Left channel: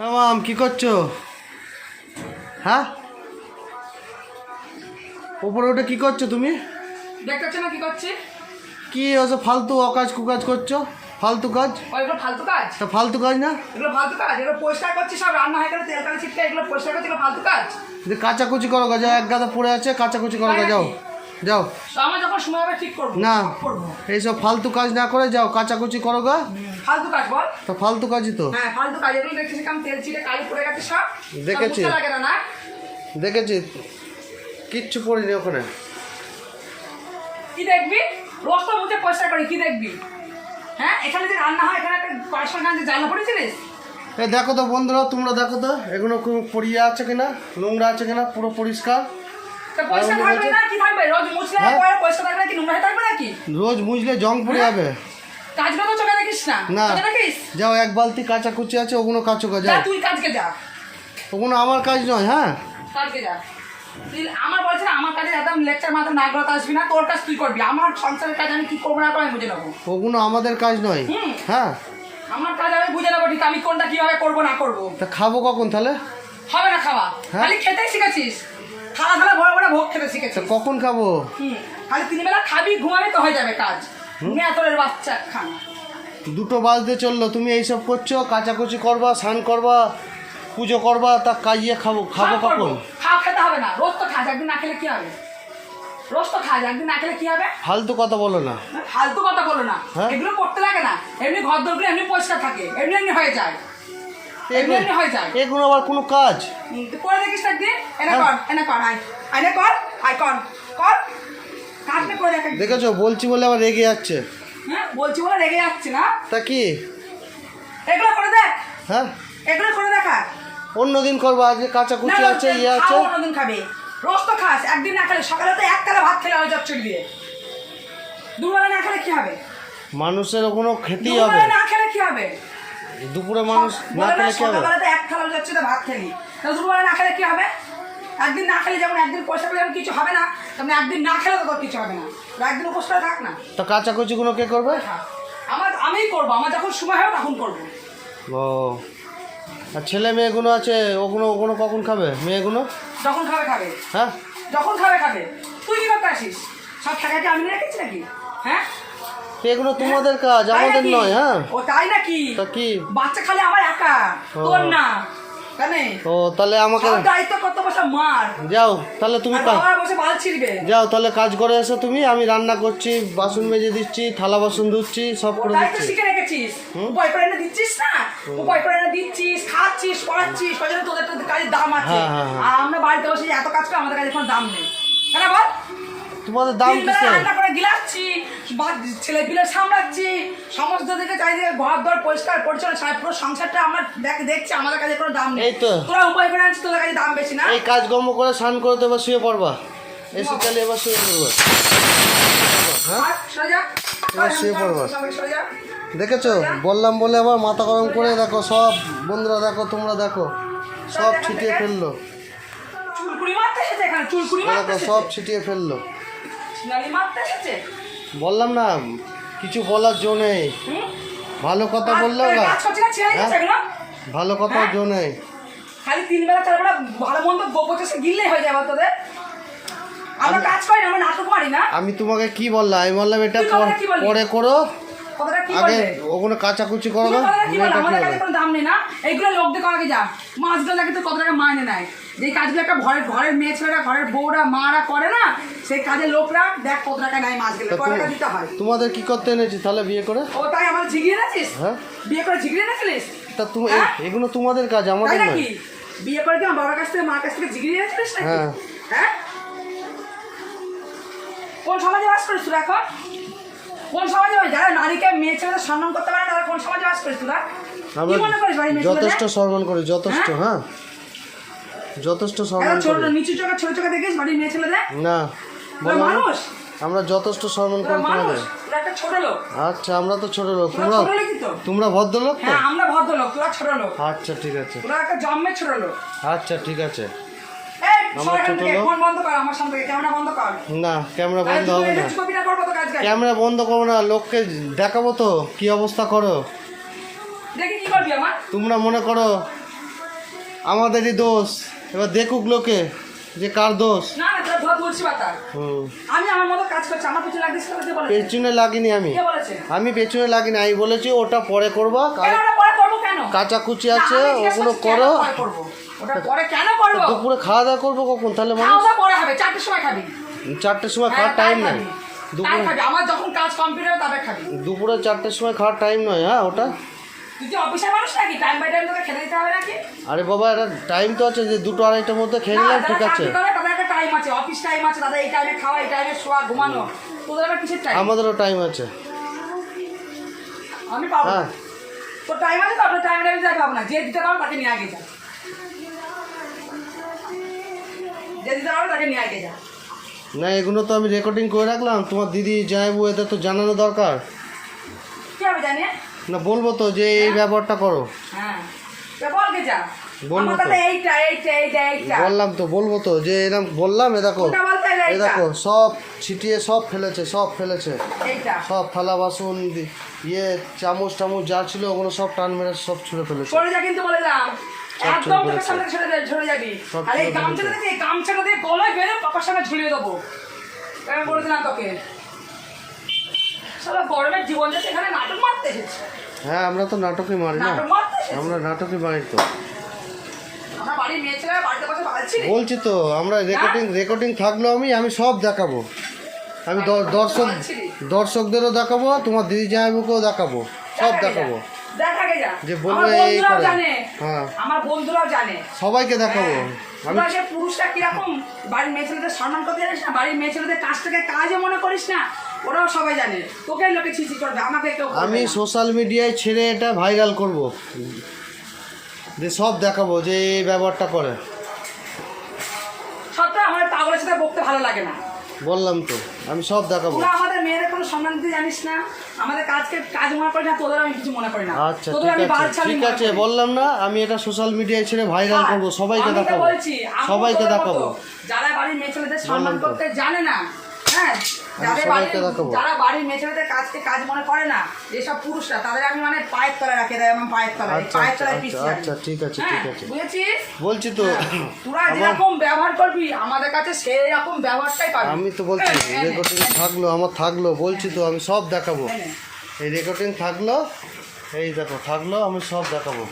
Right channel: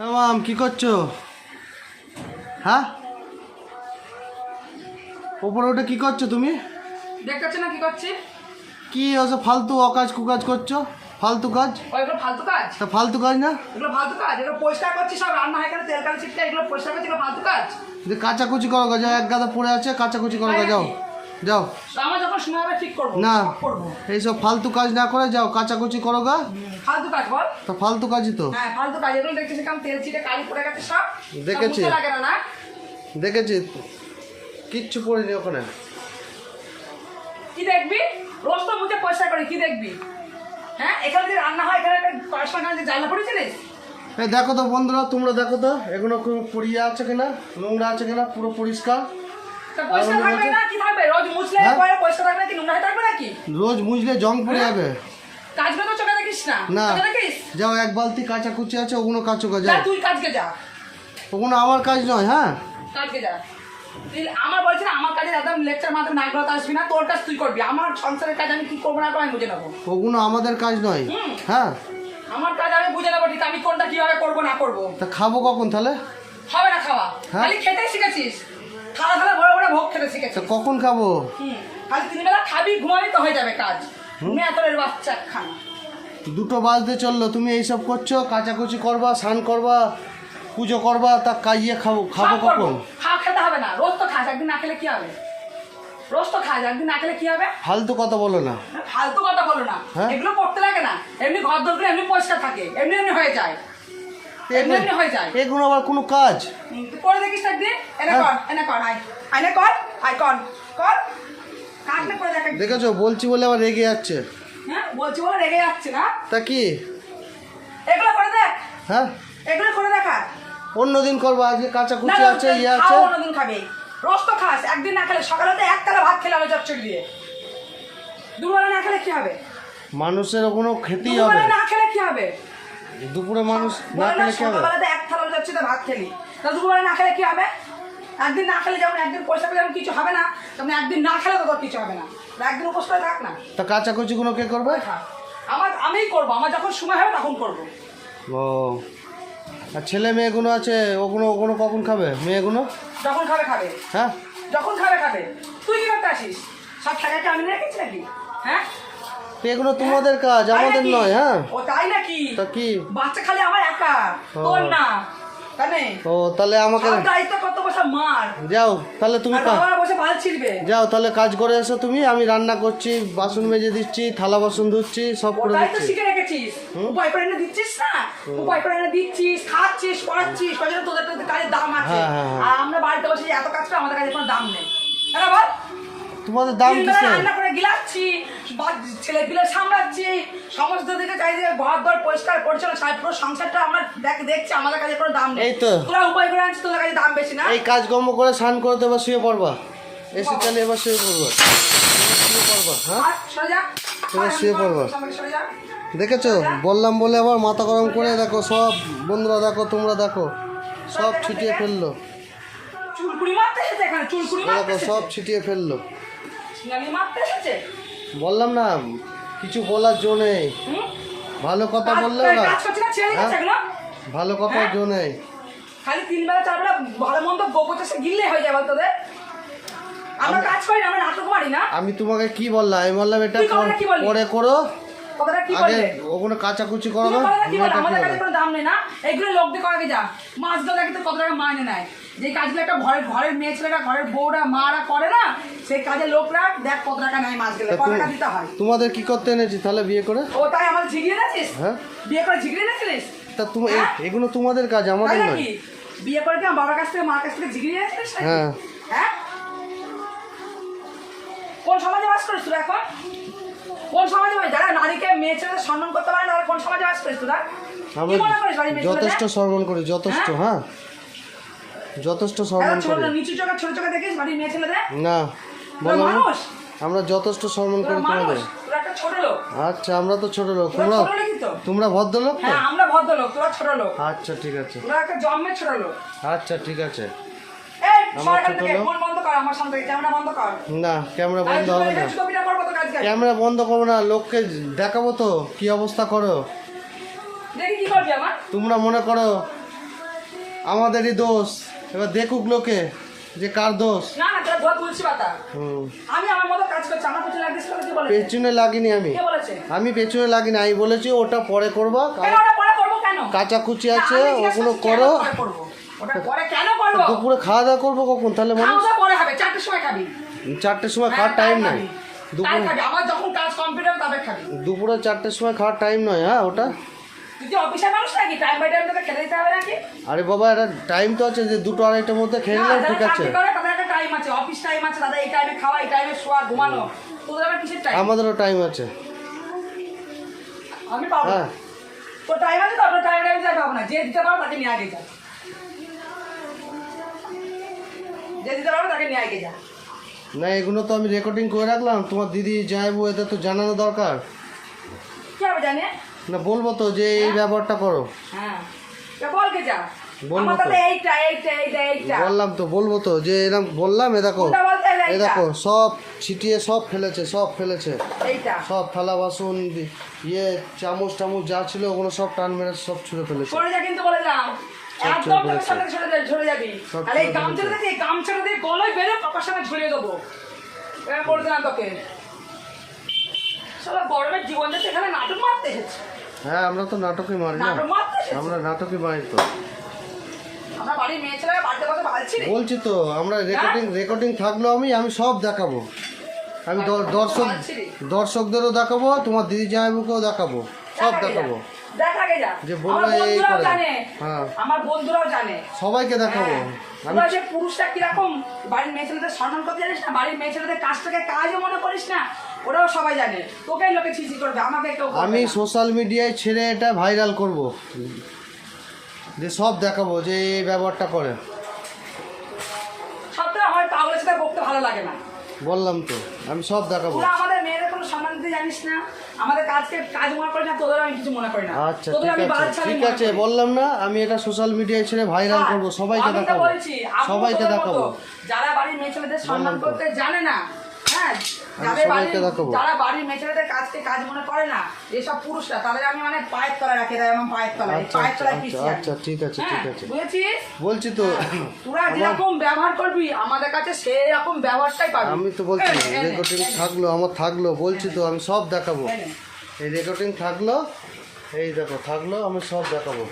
মাম কি করছো? হ্যাঁ, ওপরে ওটা কি করছো তুমি? দেখতে না কি করছি? কি ওসব ফালতু অকাজ কুকাজ করছো? ফালতু কাজ? এগুলো ফালতু কাজ? তা ফালতু কাজ না? এগুলো ফালতু কাজ? এগুলো পরিষ্কার করছি, সব রান্না হয় এখানে তেল কালি ছিটকে, এগুলো পরিষ্কার করছি, এগুলো ফালতু কাজ? যে কাচাকুচি করো গা, যাও, এক গাদা পড়ে আছে, কাচাকুচি করো গা, যাও যাও। আমার যখন সময় হবে ঠিক করবো, না, সব করবো। এইসব ফালতু কাজ না করে যাও, কাচাকুচি করো গা। ফালতু কাজ বল? তা ফালতু কাজই তো। হ্যাঁ ফালতু কাজ। এগুলো দেখছিস কেমন তেল ছিটে কালি পড়ে গেছে সব? দেখেছি। সব বুঝতে লাগে না? দেখেছি, কিচ্ছু পড়িনি ওখানে। কি দেখবি? রোজ তো মুখে পয়সা করি, কি দেখবি? হ্যাঁ, এখানে যে রান্না হয়, এখানে একটা পয়সা না যে জায়গা পড়েছিলিস? এই দেখো তো বন্ধুরা, তোমরা দেখো তো এগুলো পড়িয়ে আছে কিনা, নোংরা আছে কিনা, পুরো পরিষ্কার। তা পয়সা থাকবে না কি থাকবে? রোজ মুছলে পরে পয়সা থাকবে না কি নোংরা হয়ে থাকবে নাকি? রোজ মুছলে জং পড়ে যাবে। কাজগুলো তো চোখে দেখিস না? না, চোখে দেখিস? যাও, এক বালতি কাচাকুচি আছে, ওগুলো কাচো গা, যা যাও। তুই কাজকে যা, ওগুলো আমার কাজ নয়। হ্যাঁ, কাজকে যা। তুই আমার বলছি না, আমার কাজে একদম লেকচার মাথা না করতে আসবি না, তোর কাজ তুই করবি। আমার সংসারের কাজ আমি কি করবো না করবো আমি বুঝে নেবো। ওগুলো আমাদের কাজ নয়। হ্যাঁ, আমার কাজ আমি বুঝে নেবো ঠিক, আমি কোনটা কিভাবে করবো না করবো। তা খাবো কখন তাহলে? হবে না খাওয়া, খালি খেতেই শিখেছিস। খাওয়া দাওয়া ভরে ভরে ভোগ খেতে তা শিখেছিস। কখন খাবো? খালি 3 বেলা খাবি, ঘুমাবি তো হয়ে যাবে কাজ। মেয়াতরের বাচ্চা খানা। 2টো বাজতে চললো, তুমি এইসব করছো, কাচাকুচি করবা, স্নান করবা, পুজো করবা, তা কাইয়ে খাবো সব করবো। কখন? খাওয়া খেতে হবে না, রোজ তো খাস, একদিন না খেলে কি হবে? রোজ তো খাস, একদিন না খেলে কি হবে? ফালতু কথা বলো না। ফালতু কথা বলো না। হ্যাঁ? এগুলো করতে লাগে না, এমনি ঘর দরগুলো এমনি পরিষ্কার থাকে, এমনি এমনি হয়ে যায়, এমনি এমনি হয়ে যায়। এগুলো আবার কোনো কাজ? তুই করে দেখিস একদিন। এনে কর, এনে কর, আয় আয় কর, আয় কর, কর। কাটলে করে দেখ। দেখেছো, বলছি বলে আবার রেগে যাচ্ছে। হ্যাঁ, বলছি বলে রেগে যাচ্ছে না? তা কি? এগুলো করে দেখ। হ্যাঁ, এগুলো করে দেখা। অন্যদিন করবো, আজকে কাচাকুচি আছে, ইয়ে আছে। অন্যদিন খাবে। রোজ তো খাস, একদিন না খেলে, সকালে তো এক থালা ভাত খেলে হয়ে যাচ্ছে দিয়ে। দুবেলা না খেলে কি হবে? মানুষের কোনো খেতেই হবে। দুবেলা না খেলে কি হবে? দুপুরে মানুষ না খেলে কি হবে? সকালে তো এক থালা হয়ে যাচ্ছে তো ভাত খেলি, তা দুবেলা না খেলে কি হবে? একদিন না খেলে যেমন একদিন পয়সা পেলে কিছু হবে না, তেমন একদিন না খেলে তো কিছু হবে না। একদিন উপোস করে থাক না। তা কাচাকুচি কোনো কে করবে? আমিই করবো, আমার যখন সময় হবে তখন করবো। ও, আর ছেলে মেয়েগুলো আছে, ওগুলো ওগুলো কখন খাবে মেয়েগুলো? যখন খাবে খাবে। হ্যাঁ, যখন খাবে খাবে। তুই কি করতে আসিস? সব টাকাকে আমি রেখেছি নাকি? হ্যাঁ, তো এগুলো তোমাদের কাজ, আমাদের নয়। হ্যাঁ, ও তাই নাকি? তা কি? বাচ্চা খালি আমার একা, তোর না। জানে? ও, তাহলে আমাকে সব দায়িত্ব কত বসে মার। যাও, তাহলে তুমি আর বাবা বসে বাল ছিড়বে। যাও, তাহলে কাজ করে এসো তুমি। আমি রান্না করছি, বাসন মেজে দিচ্ছি, থালা বাসন ধুচ্ছি, সব করে দায়িত্ব দিচ্ছি। শিখে রেখেছিস, উপায় করে এনে দিচ্ছিস না? উপায় করে এনে দিচ্ছিস, খাচ্ছিস, পড়াচ্ছিস, ওই জন্য তোদের তোদের কাজের দাম আছে। আর আমরা বাড়িতে বসে এত কাজ করে, আমাদের কাছে কোনো দাম নেই। হ্যাঁ বল? তোমাদের দাম কিসে? রান্না করে গিলাচ্ছি, ছেলে পিলে সামলাচ্ছি, সমস্ত দিকে চাই যে ঘর দর পরিষ্কার পরিচ্ছন্ন, পুরো সংসারটা আমরা দেখছি, আমাদের কাছে কোনো দাম নেই। এই তো তোরা উপায় করে আনছিস, তোদের কাছে দাম বেশি না? এই কাজকর্ম করে স্নান করে তো এবার শুয়ে পড়বা, এসি চালিয়ে এবার শুয়ে পড়বা। হ্যাঁ, সোজা এবার শুয়ে পড়বা। সোজা। দেখেছো, বললাম বলে আবার মাথা গরম করে, দেখো সব বন্ধুরা, দেখো তোমরা, দেখো সব ছিটিয়ে ফেললো। চুলকুড়ি মারতে এসেছে এখানে, চুলকুড়ি মারতে দেখো এসেছে। সব ছিটিয়ে ফেললো। সিনালি মারতে এসেছে। বললাম না, কিছু বলার জো নেই। ভালো কথা বললেও না। কাজ করছে না, ছেড়ে দিচ্ছে এগুলো। ভালো কথার জো নেই। খালি 3 বেলা 4 বেলা ভালো মন্দ গোবর চাষে গিললে হয়ে যাবে তোদের। আমরা কাজ করি, আমরা নাটক মারি না। আমি তোমাকে কি বললাম? আমি বললাম এটা তুই কথাটা কি বললি? পরে করো, কথাটা কি আগে বললে? ওগুলো কাচাকুচি করো তুই না। কথাটা কি বললি? মেয়েটা কি আমাদের বলে? কাছে কোনো দাম নেই না। এইগুলো লোক দিয়ে করাকে যা। মাছগুলো নাকি তো কত টাকা মাইনে নেয়। যে কাজগুলো একটা ঘরের মেয়ে ছেলেরা, ঘরের বউরা, মারা করে না, সেই কাজের লোকরা দেখ কত টাকা নেয় মাছগুলো, কত টাকা দিতে হয়। তোমাদের কি করতে এনেছি তাহলে বিয়ে করে? ও তাই আমাদের ঝিগড়িয়ে এনেছিস? হ্যাঁ, বিয়ে করে ঝিগড়িয়ে এনেছিলিস? তা তুমি হ্যাঁ? এগুলো তোমাদের কাজ, তাই আমাদের নয়। নাকি? বিয়ে করে কি আমার বাবার কাছ থেকে, মার কাছ থেকে ঝিগড়িয়ে এনেছিলিস নাকি? হ্যাঁ। হ্যাঁ, কোন সমাজে বাস করিস তোরা এখন? কোন সমাজে? যারা নারীকে, মেয়ে ছেলেদের সম্মান করতে পারে না, তারা কোন সমাজে বাস করিস তোরা? আমরা কি মনে করিস বাড়ির মেয়ে যথেষ্ট ছেলেদের? সম্মান করি, যথেষ্ট। হ্যাঁ, যথেষ্ট সম্মান ছোট করি। নিচু চোখে ছোট চোখে দেখিস বাড়ির মেয়ে ছেলেদের? না, তোরা বললাম না, মানুষ? আমরা যথেষ্ট সম্মান তোরা করি মানুষ? তোমাদের। তোরা একটা ছোট লোক। আচ্ছা, আমরা তো ছোট লোক, তোরা তোমরা ছোট লোকই তো। তোমরা ভদ্রলোক তো। হ্যাঁ, আমরা ভদ্রলোক, তোরা ছোট লোক। আচ্ছা, ঠিক আছে। তোরা একটা জন্মের ছোট লোক। আচ্ছা, ঠিক আছে। এই আমরা সরকার ছোট থেকে লোক। ফোন বন্ধ কর, আমার সামনে থেকে ক্যামেরা বন্ধ কর। না, ক্যামেরা বন্ধ হবে না। কপিটা করবো তো কাজ। ক্যামেরা বন্ধ করবো না, লোককে দেখাবো তো কি অবস্থা করো। দেখি কি করবি আমার? তোমরা মনে করো আমাদেরই দোষ, এবার দেখুক লোকে যে কার দোষ। না না তোর ভয় বলছি বাতা, হুম, আমি আমার মতো কাজ করছি, আমার পিছনে লাগিস কে বলেছে? পেছনে লাগিনি আমি, কে বলেছে? আমি পেছনে লাগিনি, আমি বলেছি ওটা পরে করবা, কেন ওটা পরে করবো কেন? কাচাকুচি আছে না, আমি জিজ্ঞেস ওগুলো করছি, কেন করো। পরে করবো? ওটা পরে কেন করবো? দুপুরে খাওয়া দাওয়া করবো কখন তাহলে মানুষ? খাওয়া দাওয়া পরে হবে, 4টের সময় খাবি। 4টের সময় খাওয়ার হ্যাঁ, টাইম তাই নাই, খাবি, তাই দুপুরে খাবি। আমার যখন কাজ কমপ্লিট হবে তবে খাবি। দুপুরে 4টের সময় খাওয়ার টাইম নয়। হ্যাঁ ওটা, তুই কি অফিসের মানুষ নাকি? টাইম বাই টাইম তোকে খেতে দিতে হবে নাকি? আরে বাবা এটা টাইম তো আছে যে 2টো 2:30টার মধ্যে খেয়ে নিলাম, ঠিক আছে। তাদের একটা টাইম আছে, অফিস টাইম আছে, তাদের এই টাইমে খাওয়া, এই টাইমে শোয়া, ঘুমানো। তোদের আবার কিসের টাইম? আমাদেরও টাইম আছে। আমি পাবো না। হ্যাঁ তোর টাইম আছে তো, আপনার টাইমে দিতে হবে না। যে দিতে পারো তাকে নিয়ে আগে যা, যে দিতে পারো তাকে নিয়ে আগে যা। না এগুলো তো আমি রেকর্ডিং করে রাখলাম, তোমার দিদি যাইবো, এদের তো জানানো দরকার। কি হবে জানি? না বলবো তো যে এই ব্যবহারটা করো, হ্যাঁ তো বলকে যা। বলবো আমার তো। তাতে এইটা বললাম তো, বলবো তো যে এরকম বললাম, এ দেখো কোনটা বলতে হবে? এই দেখো সব ছিটিয়ে সব ফেলেছে, সব ফেলেছে, এইটা সব থালা বাসন ইয়ে চামচ টামচ যা ছিল ওগুলো সব টান মেরে সব ছুঁড়ে ফেলেছে। সরে যা, কিন্তু বলে যাম সব একদম চলে তোকে ফেলেছে। সামনে সরে যাবি। সব আর এই চলে গামছাটা ফেলেছে। দিয়ে, এই গামছাটা দিয়ে গলায় বেঁধে পাপার সামনে ঝুলিয়ে দেবো। এবার বলে দিলাম তোকে, সারা গরমের জীবন যাচ্ছে, এখানে নাটক মারতে এসেছে। হ্যাঁ আমরা তো নাটকই মারি না, নাটক মারতে এসেছে। আমরা নাটকই মারি তো। আমরা বাড়ির মেয়ে ছেলেরা বাড়িতে বসে ভালছি রে। বলছি তো আমরা রেকর্ডিং থাকলো, আমি সব দেখাবো, আমি দর্শকদেরও দেখাবো, তোমার দিদি জামাইবাবুকেও দেখাবো, সব দেখাবো। দেখ আগে যা। যে বলবে আমার এই বন্ধুরাও করে। জানে, হ্যাঁ আমার বন্ধুরাও জানে। সবাইকে দেখাবো। আমি তোরা যে পুরুষরা কিরকম বাড়ির মেয়ে ছেলেদের সম্মান করতে জানিস না, বাড়ির মেয়ে ছেলেদের কাজটাকে কাজও মনে করিস না, ওরাও সবাই জানে। তোকে লোকে ছিছি করবে, আমাকে কেউ করবে আমি না। সোশ্যাল মিডিয়ায় ছেড়ে এটা ভাইরাল করব, যে সব দেখাবো যে এই ব্যবহারটা করে। সবটাই আমার পাগলের সাথে বকতে ভালো লাগে না। বললাম তো আমি সব দেখাবো। তোরা আমাদের মেয়েদের কোনো সম্মান দিতে জানিস না, আমাদের কাজকে কাজ মনে করি না, তোদের আমি কিছু মনে করি না। আচ্ছা তোদের ঠিক আমি আছে, বালছালি ঠিক মনে আছে, করি। বললাম না আমি এটা সোশ্যাল মিডিয়ায় ছেড়ে ভাইরাল হ্যাঁ, করব, সবাইকে আমি তো দেখাবো, বলছি, আমি সবাইকে তোদের দেখাবো। মতো যারা বাড়ির মেয়ে ছেলেদের সম্মান বললাম তো। করতে জানে না, হ্যাঁ, যাদের সবাইকে দেখাবো। যারা বাড়ির মেয়ে ছেলেদের কাজকে কাজ মনে করে না, এসব পুরুষরা, তাদের আমি মানে পায়ের তলায় রাখে দেয়, আমার পায়ের তলায়, আচ্ছা পায়ের আচ্ছা তলায় আচ্ছা পিছিয়ে আচ্ছা ঠিক আছে ঠিক আছে, বুঝেছিস? বলছি তো। তোরা আমার যেরকম ব্যবহার করবি আমাদের কাছে সেই রকম ব্যবহারটাই পাবি। আমি তো বলছি এই নে, রেকর্ডিং থাকলো, আমার থাকলো, বলছি তো আমি সব দেখাবো। এই নে। এই রেকর্ডিং থাকলো, এই দেখো থাকলো, আমি সব দেখাবো।